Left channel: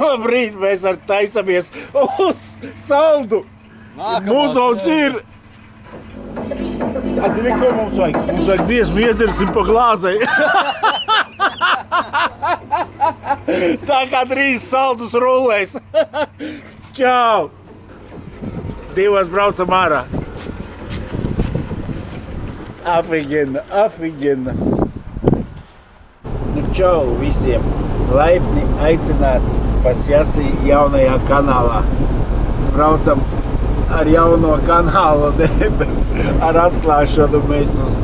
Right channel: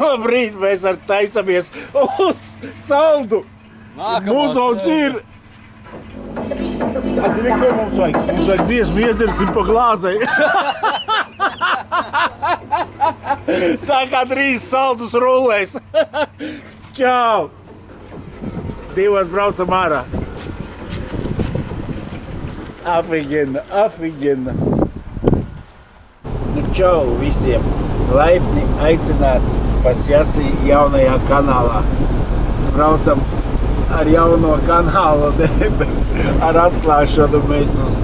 Labrīt, mēs ar taisamies uz saldu. Mūsauts ir. Zini, ko mums vajag? Mums vajag dziesmu, iedzersim pa glāzei. Tā kā 3 saldus rullēs. Čau! 2 braucam ārā. Afigena. Nu, čau visiem! Laipni aicināti Pasjasī jaunajā kanālā. Braucam ar jauno kanālu, bet ar atklāšanu mēs uz...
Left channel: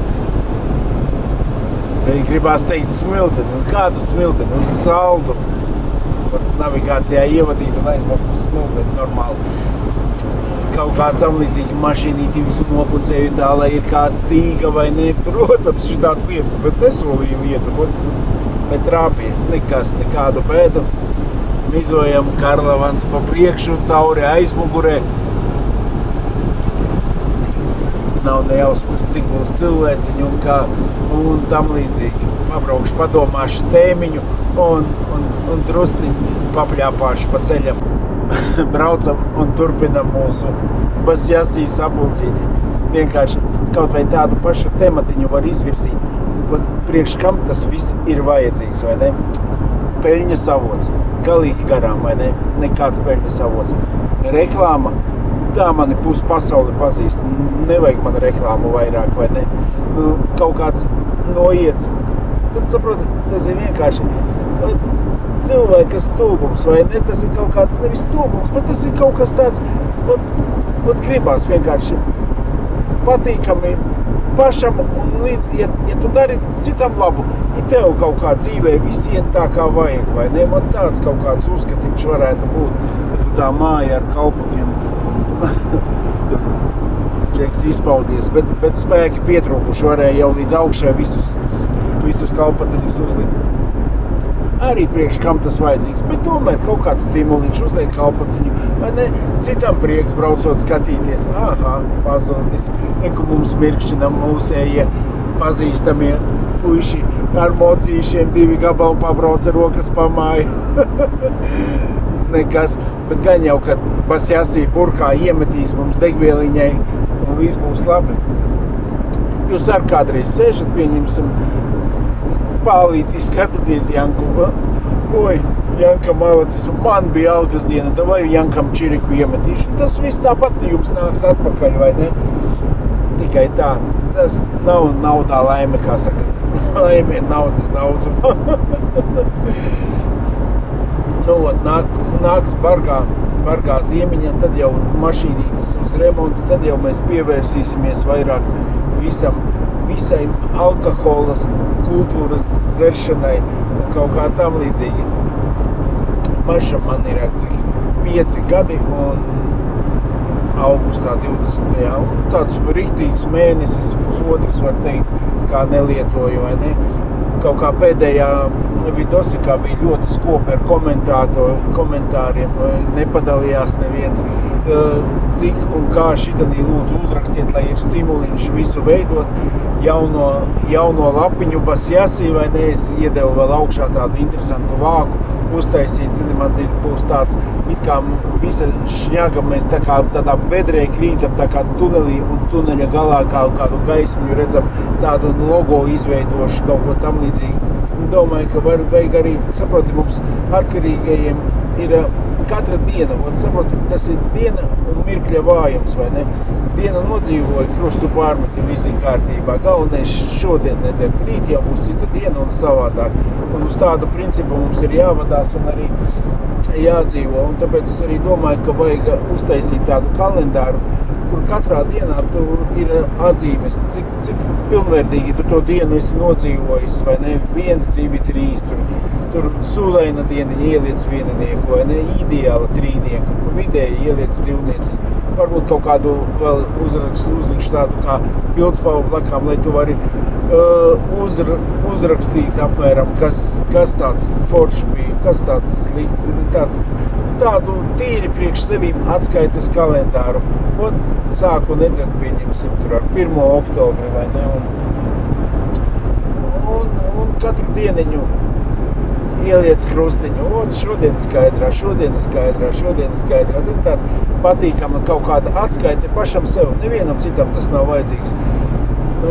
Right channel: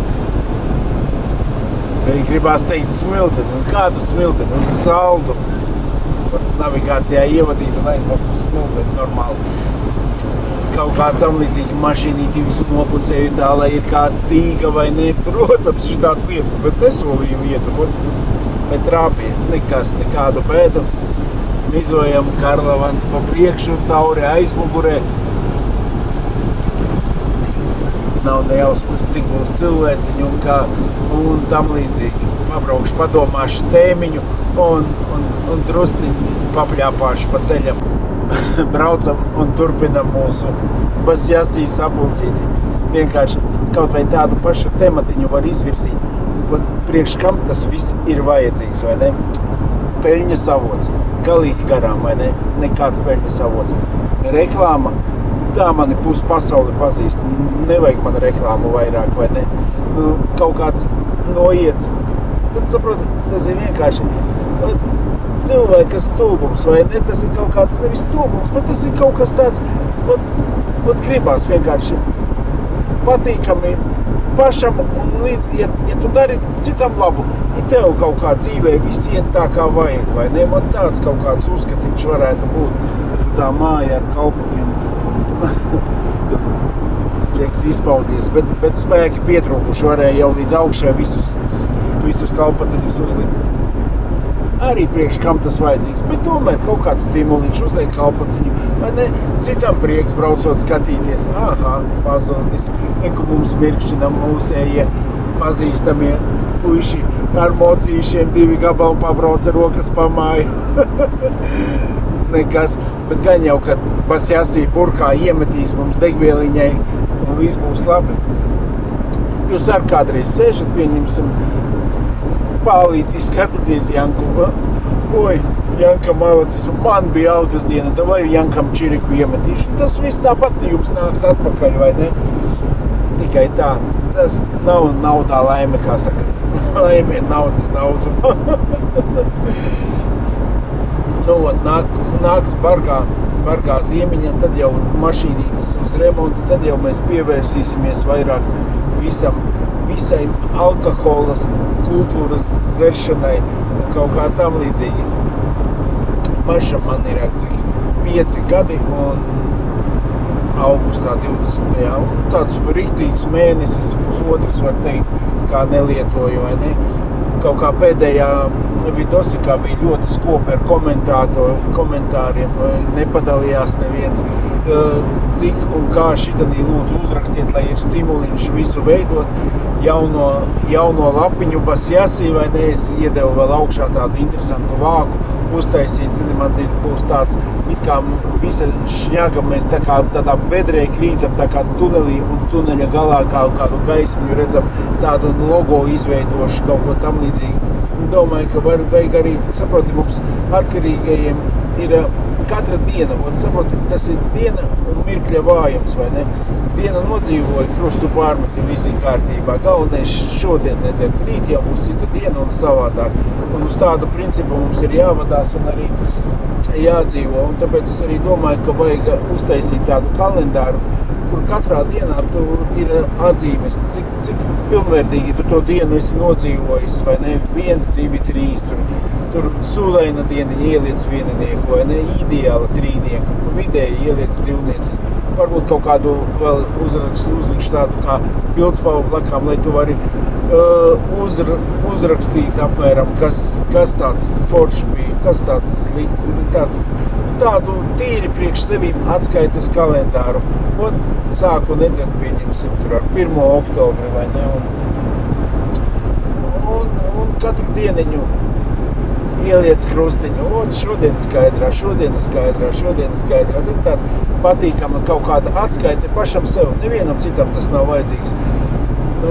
Gribās teikt smilteni. Un kādu smilteni? Uz saldu. Navigācijā ievadīt un aizbraukt uz smilteni normāli. Kaut kā tam līdzīgi mašīnīti visu nopucēju tā, lai ir kā stīga vai ne. Protams, ir tāds lietu, bet nesolīja lietu. Bet trāpīja. Nekas, nekādu bēdu. Mizojam Karlavans pa priekšu, Tauri aizmugurē. Nav nejausmas, cik būs cilvēciņu un kā un tam līdzīgi. Pabraukšu, padomāšu tēmiņu un drusciņi papļāpāšu pa ceļam. Braucam un turpinam mūsu Pasjasī sapulcīti. Vienkārši kaut vai tādu pašu tematiņu var izvirzīt. Priekš kam tas viss ir vajadzīgs, vai ne? Peļņas avots. Galīgi garām, vai ne? Nekāds peļņas avots. Reklāma. Tā mani pus pasauli pazīst. Nevajag man reklāmu vairāk, vai ne? Kaut kāds noiets. Tad saprotat, tas ir vienkārši cilvēka stulbums, vai ne? Tas ir kaut kāds nevis stulbums, bet tas ir kaut kas tāds, gribās vienkārši patīkami pašam un līdz, ja tu dari citam labu, ja tev kaut kā dzīvē viss iet tā kā vajag, vai ne? Man tāds kaut kāds uzskatiņš varētu būt, ja tā māja ar kalpukiem tur džeks izpaudies, bet spēki pietrūkuši varēja jau līdz augšai visus kalpaciņus uzlikt. Arī priekš kam tas vajadzīgs, bet tomēr kaut kāds stimuliņš uzliek kalpaciņu, vai ne? Citam prieks braucot skatīties. Aha, pazudis. Neku mums mirkšķinam mūsējie pazīstamie puiši ar mocīšiem 2 gabalu pabrauca rokas pa māju. Nekas, bet gan jau, kad Pasjasī burkā iemetīs mums degvieliņai un viss būs labi. Jūs ar kādreiz sēžat, pieņemsim, pālītī skatāties Janku. Oi, Janka malacis, man bija algas diena, davai Jankam čiriku iemetīšu. Un tas viss tāpat jums nāks atpakaļ, vai ne? Tikai tā. Tas nav naudā laime, kā saka. Laime ir naudas daudzuma. Nāks bargā ziemiņa, tad jau mašīnītas uz remontu, tad jau mēs pievērsīsimies vairāk visai alkoholas kultūras dzeršanai un kaut kā tam līdzīgi. Pašam man ir cik 5 gadi un augustā 20. Un tāds riktīgs mēnesis, pusotrs var teikt, kā nelietoju, vai ne? Kaut kā pēdējā vidosikā bija ļoti skopi ar komentāriem, nepadalījās neviens. Cik un kā šitanī lūdzu uzrakstiet, lai ir stimuliņš visu veidot, jauno lapiņu Pasjasī, vai ne, es iedevu vēl augšā tādu interesantu vāku, uztaisīt, zini, man būs tāds, it kā visa šņaga, mēs tā kā tādā bedrē krītam, tā kā tunelī un tuneļa galā kādu gaismiņu redzam, tādu logo izveidošu, kaut ko tam līdzīgi. Domāju, ka vajag arī, saproti, mums atkarīgajiem ir katra diena, saproti, tas ir diena un mirkļa vājums, vai ne? Diena nodzīvoja, krustu pārmeti, visi kārtībā. Galvenais šodien nedzert, rīt jau būs cita diena un savādāk. Un uz tādu principu mums ir jāvadās un arī jādzīvo. Un tāpēc es arī domāju, ka vajag uztaisīt tādu kalendāru, kur katrā dienā tu ir atzīmes, cik pilnvērtīgi tu to dienu esi nodzīvojis, vai ne? 1, 2, 3, tur sūlaina dieniņa ieliec vieninieku, vai ne? Ideāla trīnieku, vidēji ieliec divnieciņu. Varbūt kaut kādu vēl uzlikšu tādu kā pildspalvu blakām, lai tu vari uzrakstīt apmēram, kas tāds foršs bija, kas tāds slikts, tādu tīri priekš sevīm atskaites kalendāru. Sāku nedzert, pieņemsim, tur ar 1. oktobri, vai ne, un katru dieniņu ieliec krustiņu, šodien skaidrā. Zin, tāds patīkama kaut kāda atskaite pašam sev, nevienam citam tas nav vajadzīgs. Nu,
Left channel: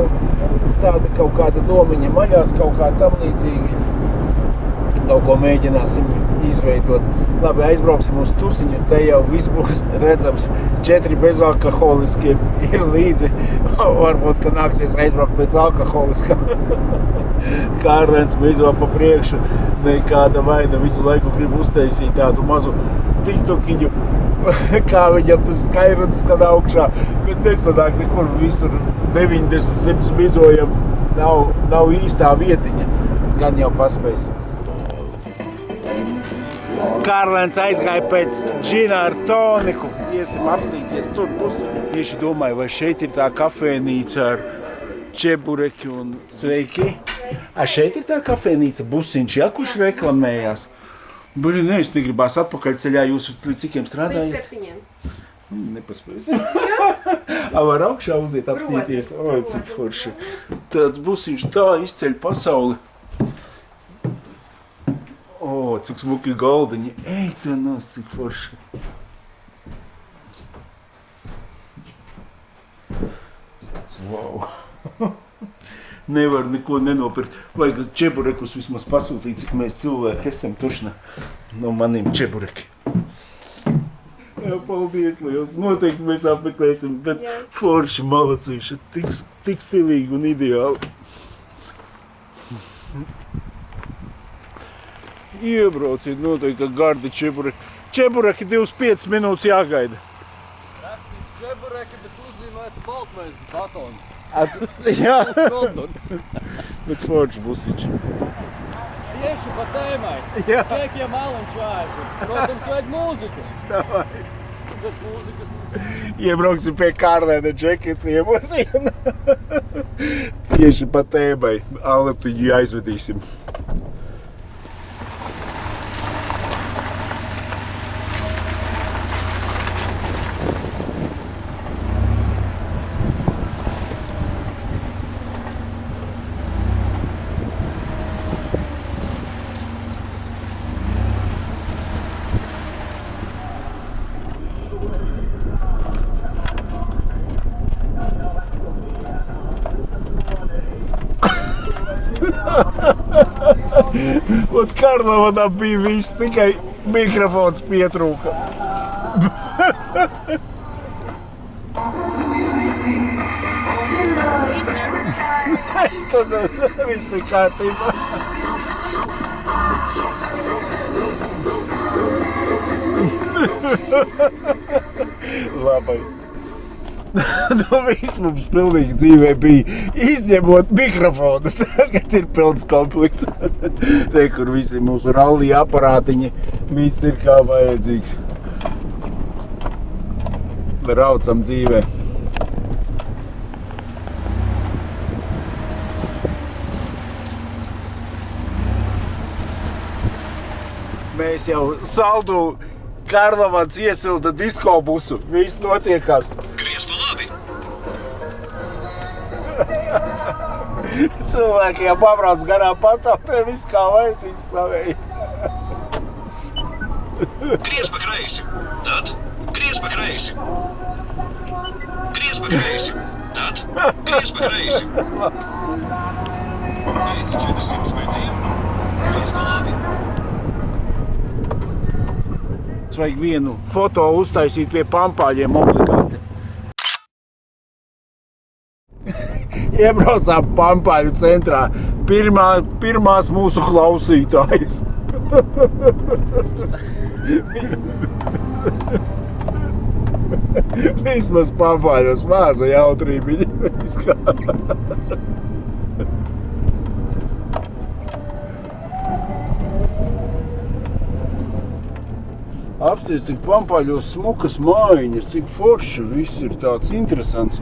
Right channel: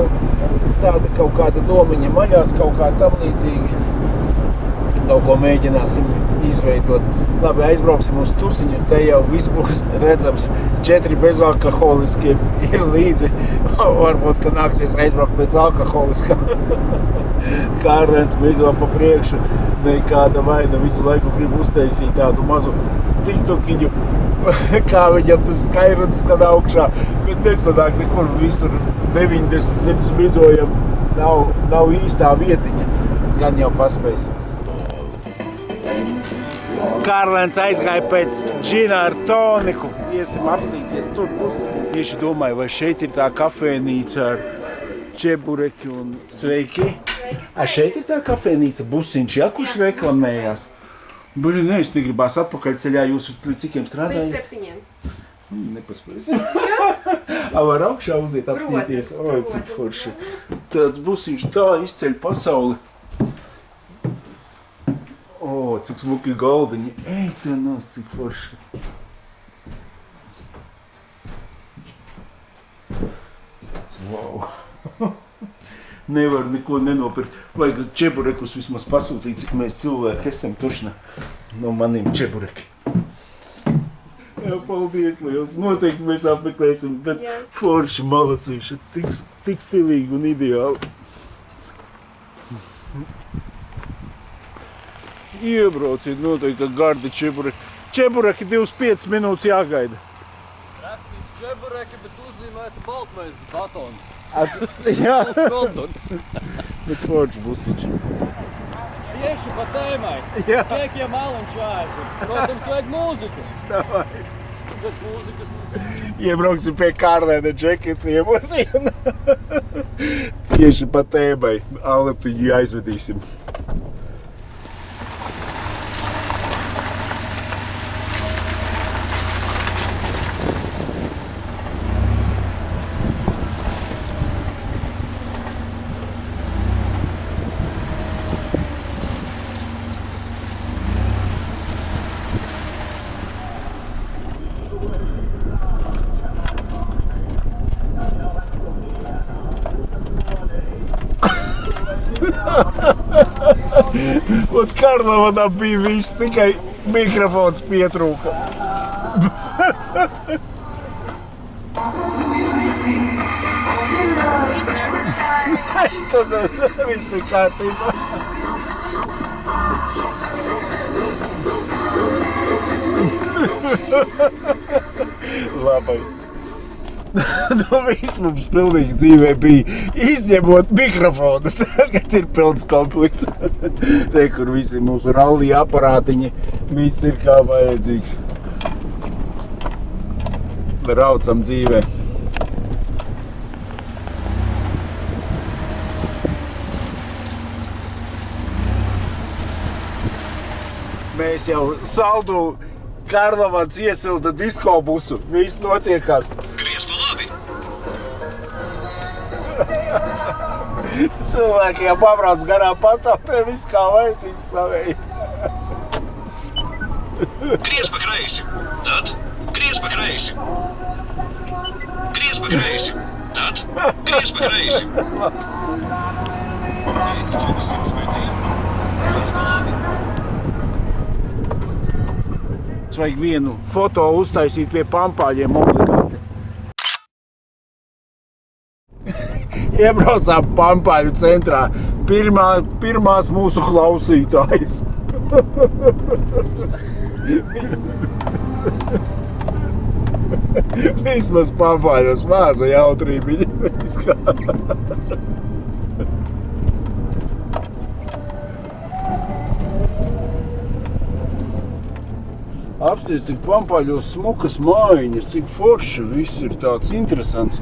tāda kaut kāda domiņa maļās, kaut kā tam līdzīgi. Kaut ko mēģināsim izveidot. Labi, aizbrauksim uz tusiņu, te jau viss būs redzams. 4 bezalkoholiskie ir līdzi. Varbūt, ka nāksies aizbraukt pēc alkoholiskā. Kārlēns mizo pa priekšu, nekāda vaina visu laiku grib uztaisīt tādu mazu tiktokiņu, kā viņam tas skaidrs skan augšā, bet nesanāk nekur visur 90 mizojam, nav īstā vietiņa, gan jau paspēs. Kārlēns aizgāja pēc džina ar toniku, iesim apstīties, tur būs. Tieši domāju, vai šeit ir tā kafēnīca ar čebureki un sveiki. Šeit ir tā kafēnīca Busiņš, ja, kurš reklamējās? Buļi, ne, es negribās atpakaļ ceļā, jūs līdz cikiem strādājat? Līdz 7. Nepaspēsim. Var augšā uziet apstīties. Cik forši. Tāds Busiņš tā izceļ pasauli. Cik smuki galdiņi. Ej, tā nos, cik forši. Wow. Nevar neko nenopirkt. Vajag čeburekus vismaz pasūtīt, cik mēs cilvēki esam tušna no maniem čebureki. Jā, paldies liels. Noteikti mēs apmeklēsim, bet forši malacīši. Tik stilīgi un ideāli. Iebrauciet noteikti gardi čebureki. Čebureki 25 minūtes jāgaida. Rakstīs čebureki, bet uzzīmēta baltmaizes batons. Jā. Goldons. Bet forši Busiņš. Tieši pa tēmai. Jā. Čekiem aliņš jāaizver. Protams, vajag mūziku. Davai. Bez mūzikas. Iebrauksim pie Kārlēna džeki ciemosiem. Tieši pa tēmai. Aletiņu aizvedīsim. Un Karlavanam bija viss, tikai mikrofons pietrūka. Tad viss ir kārtībā. Labais. Viss mums pilnīgi dzīvē bija, izņemot mikrofonu. Tagad ir pilns komplekts. Te, kur visi mūsu rallī aparātiņi, viss ir kā vajadzīgs. Braucam dzīvē. Mēs jau saldu Karlavans iesilda diskobusu. Viss notiekās. Gries pa labi! Cilvēki jau pabrauc garām patāpē, viss kā vajadzīgs savēji. Gries pa kreisi! Tad gries pa kreisi! Gries pa kreisi! Tad gries pa kreisi! Labs. Pēc 400 metriem gries pa labi! Vajag vienu foto uztaisīt pie pampāļiem obligāti. Iebraucām pampāļu centrā. Pirmās mūsu klausītājas. Vismaz pampāļos māza jautrībiņa. Apsties, cik pampāļos smukas mājiņas, cik forši viss ir tāds interesants.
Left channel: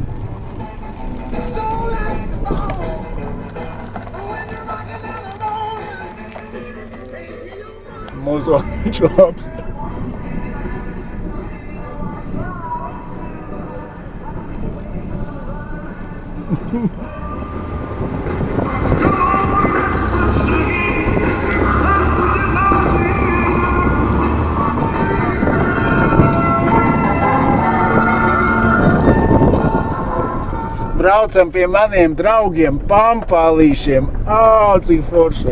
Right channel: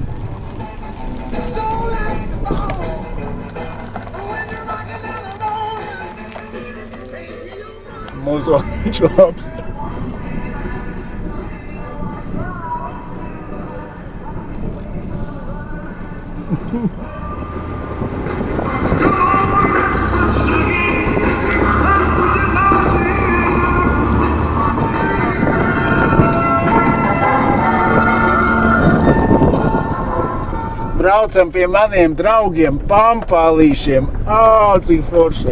Mozoliņš labs. braucam pie maniem draugiem, pampālīšiem. Cik forši!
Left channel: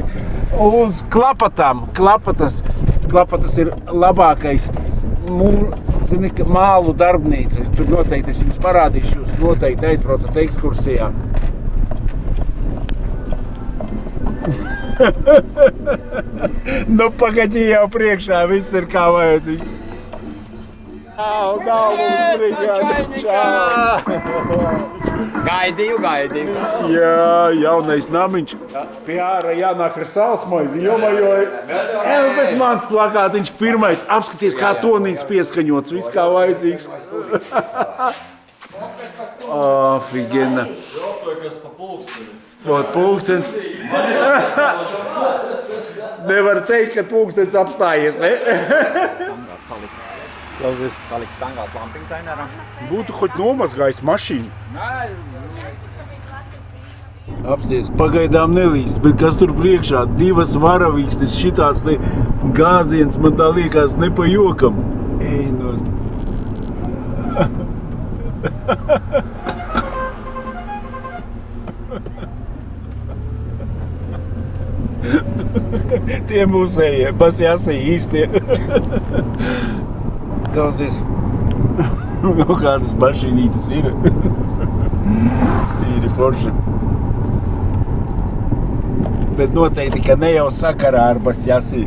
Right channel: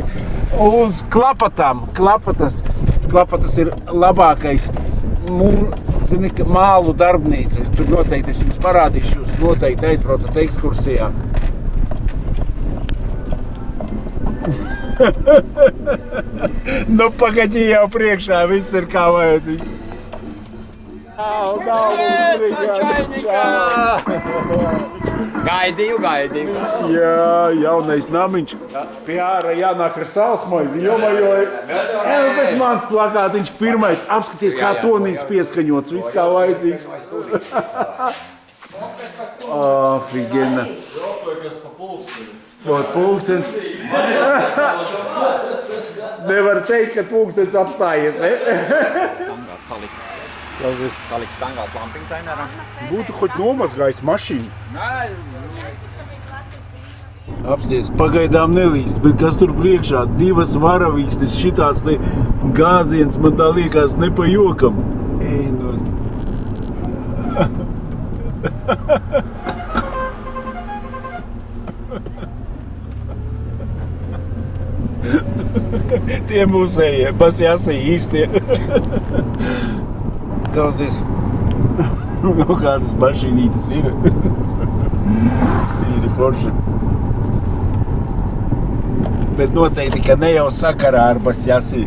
Uz klapatām. Klapatas ir labākais mālu darbnīca. Tur noteikti es jums parādīšu, jūs noteikti aizbraucat ekskursijā. Nu, pagaļi jau priekšā, viss ir kā vajadzīgs. Gaidīju. Jā, jaunais namiņš. Pie ārā jānāk ar salsmaizi, bet mans plakātiņš pirmais. Apskaties, kā tonīts pieskaņots, viss kā vajadzīgs. Figena. Pulkstens. Nevar teikt, ka pulkstens apstājies, ne? Salikt stangās lampiņas ainēram. Būtu hoķ nomazgājis mašīnu. Apsties, pagaidām nelīst, bet kas tur priekšā? 2 varavīkstes, šitāds gāziens, man tā liekas, ne pa jokam. Ej, nost. Tie mūsējie, pasjāsī īstie. Klausies, kādas mašīnītas ir. Tīri forši. Bet noteikti, ka ne jau sakarā ar basjāsī.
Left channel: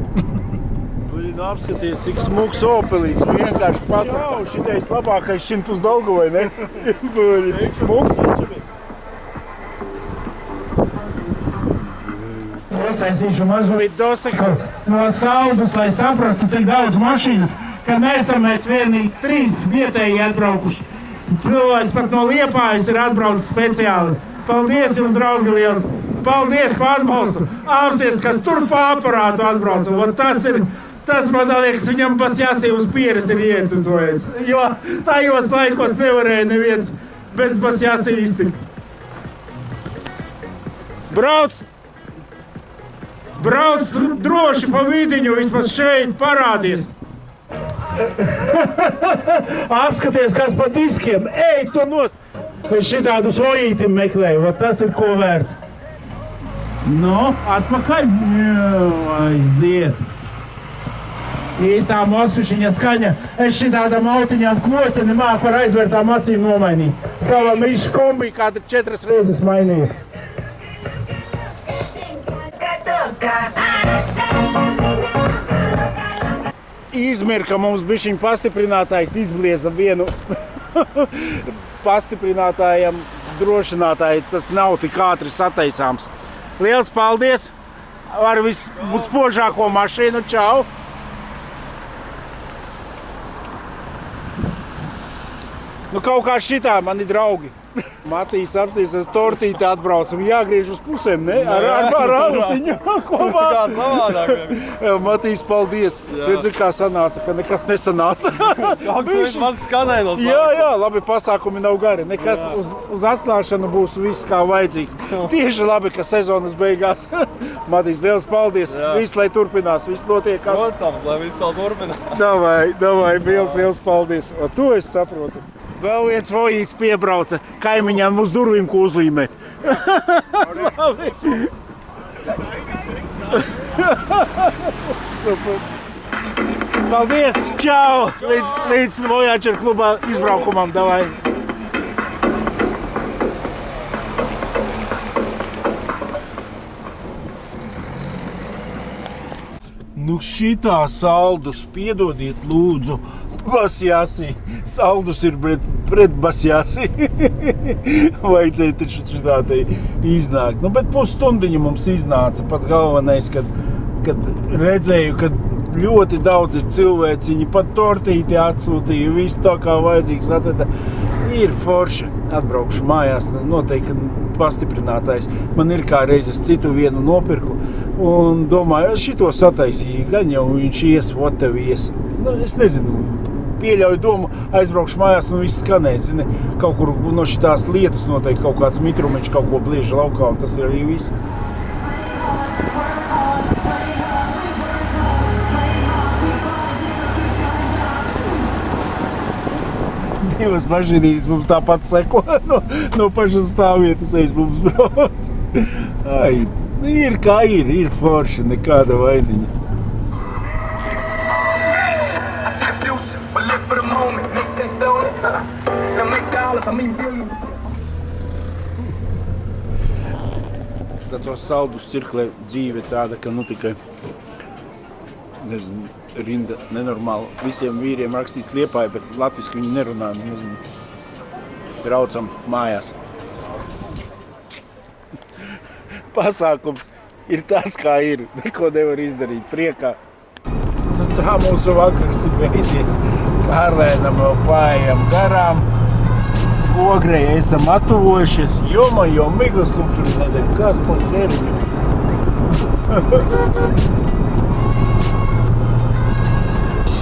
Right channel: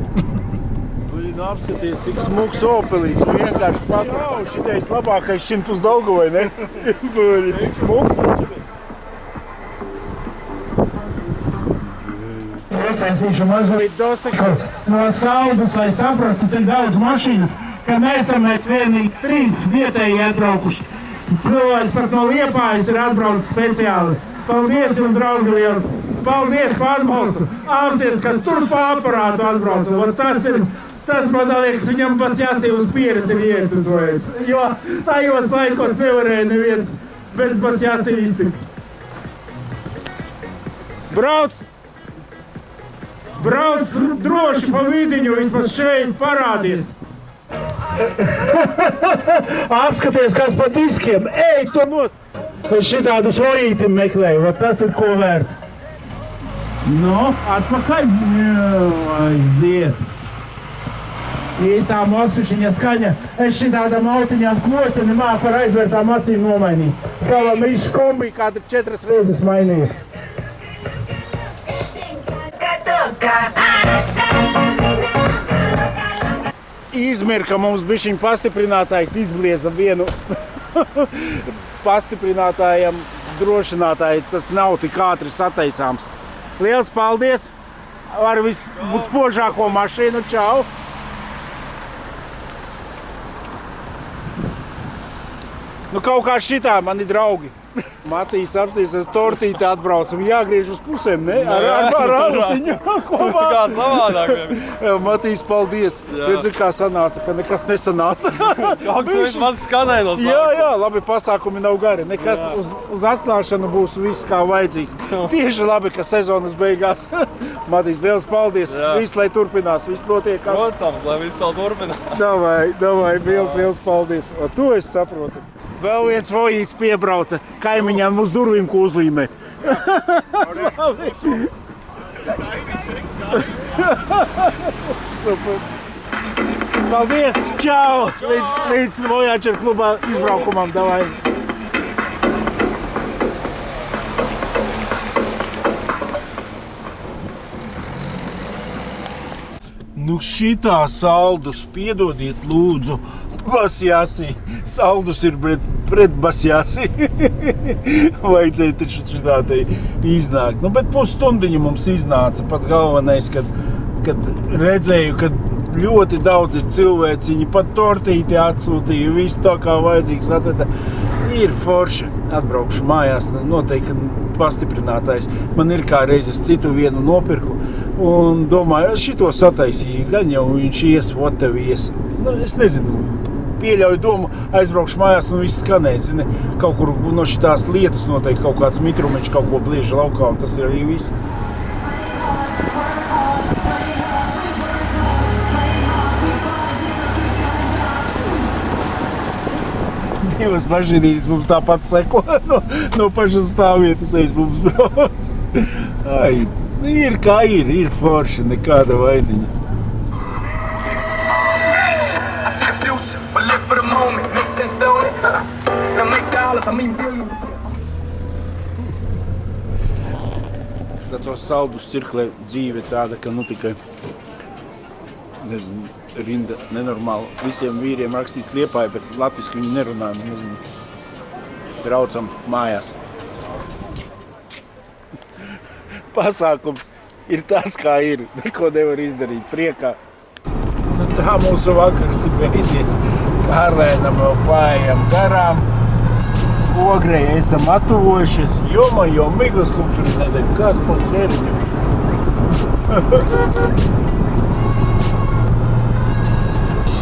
Buļin, apskaties, cik smuks opelīts. Vienkārši pasaka. Jā, šitais labākais šinpus Daugavai, ne? Buļin, cik smuks. Iesaistīšu mazliet dosaku no Saldus, lai saprastu, cik daudz mašīnas, ka nesam mēs vienīgi 3 vietēji atbraukuši. Cilvēks pat no Liepājas ir atbraucis speciāli. Paldies jums, draugi, liels! Paldies par atbalstu! Apsties, kas tur pa aparātu atbrauca. Tas man liekas, viņam basjāsī uz pieres ir ietutojies. Jo tajos laikos nevarēja neviens bez basjāsī iztikt. Brauc droši pa vidiņu, vismaz šeit parādies. Apskaties, kas pa diskiem. Ej, tu nost! Es šitādu svojītim meklēju, tas ir ko vērts. Nu, atpakaļ. Aiziet. Īstā mosušiņa skaņa. Es šitādam autiņām kloci nemāku ar aizvērtām acīm nomainīt. Sava mišu kombi kāda 4 reizes mainīju. Izmirka mums bišķiņ pastiprinātājs izblieza vienu pastiprinātājam drošinātāju. Tas nav tik ātri sataisāms. Liels paldies! Ar vispožāko mašīnu. Čau! Nu kaut kā šitā mani draugi. Matīs apstīs, es tortīti atbraucu un jāgriež uz pusēm, ne? Ar autiņu kopā. Kā savādāk. Matīs, paldies. Redzi, kā sanāca, ka nekas nesanāca. Kāds maz skanēja no sākuma. Jā, labi, pasākumi nav gari. Nekas uz atklāšanu būs viss kā vajadzīgs. Tieši labi, ka sezonas beigās. Matīs, liels paldies. Viss, lai turpinās, viss notiekās. Protams, lai viss vēl turpinās. Davai, liels paldies. O, to es saprotu. Vēl viens vojīts piebrauca kaimiņām uz durvīm, ko uzlīmēt. Super. Paldies, čau! Līdz Voyager klubā izbraukumam, davai! Nu šitā Saldus, piedodiet lūdzu, basjāsī. Saldus ir pret basjāsī. Vajadzēja taču šitādai iznākt. Nu, bet pusstundiņu mums iznāca. Pats galvenais, kad redzēju, ka ļoti daudz ir cilvēciņi, pat tortīti atsūtīju, visu tā kā vajadzīgs atveda. Ir forši. Atbraukšu mājās, noteikti pastiprinātājs. Man ir kā reizes citu vienu nopirku un domāju, šito sataisīju, gan jau viņš ies, ies. Nu, es nezinu, pieļauju domu, aizbraukšu mājās un viss skanēja, zini, kaut kur no šitās lietas noteikti kaut kāds mitrumiņš kaut ko blieža laukā un tas ir arī viss. divas mašīnītes mums tāpat seko no pašas stāvvietas aiz mums brauc. Ai, ir kā ir forši, nekāda vainiņa. I see the future, but live for the moment. Makes sense, don't it? Now make dollars, I mean billions. To saldus cirklē dzīve tāda, ka tikai nezinu, rinda nenormāli. Visiem vīriem rakstīts Liepāja, bet latviski viņi nerunā. Nezinu. Braucam mājās. Pasākums ir tāds, kā ir. Neko nevar izdarīt priekā. Tā mūsu vakars ir beidzies. Kārlēnam vēl pājam garām. Ogrei esam attuvojušies, jo miglas tur nedēļ, kas par šeriņu.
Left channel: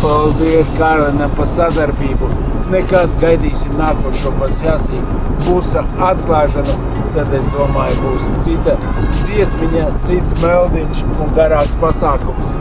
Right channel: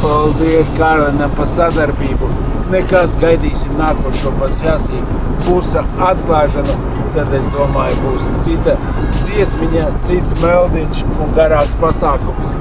Paldies Kārlenam par sadarbību. Nekas, gaidīsim nākošo pasjāsī. Būs atklāšana, tad es domāju, būs cita dziesmiņa, cits meldiņš un garāks pasākums.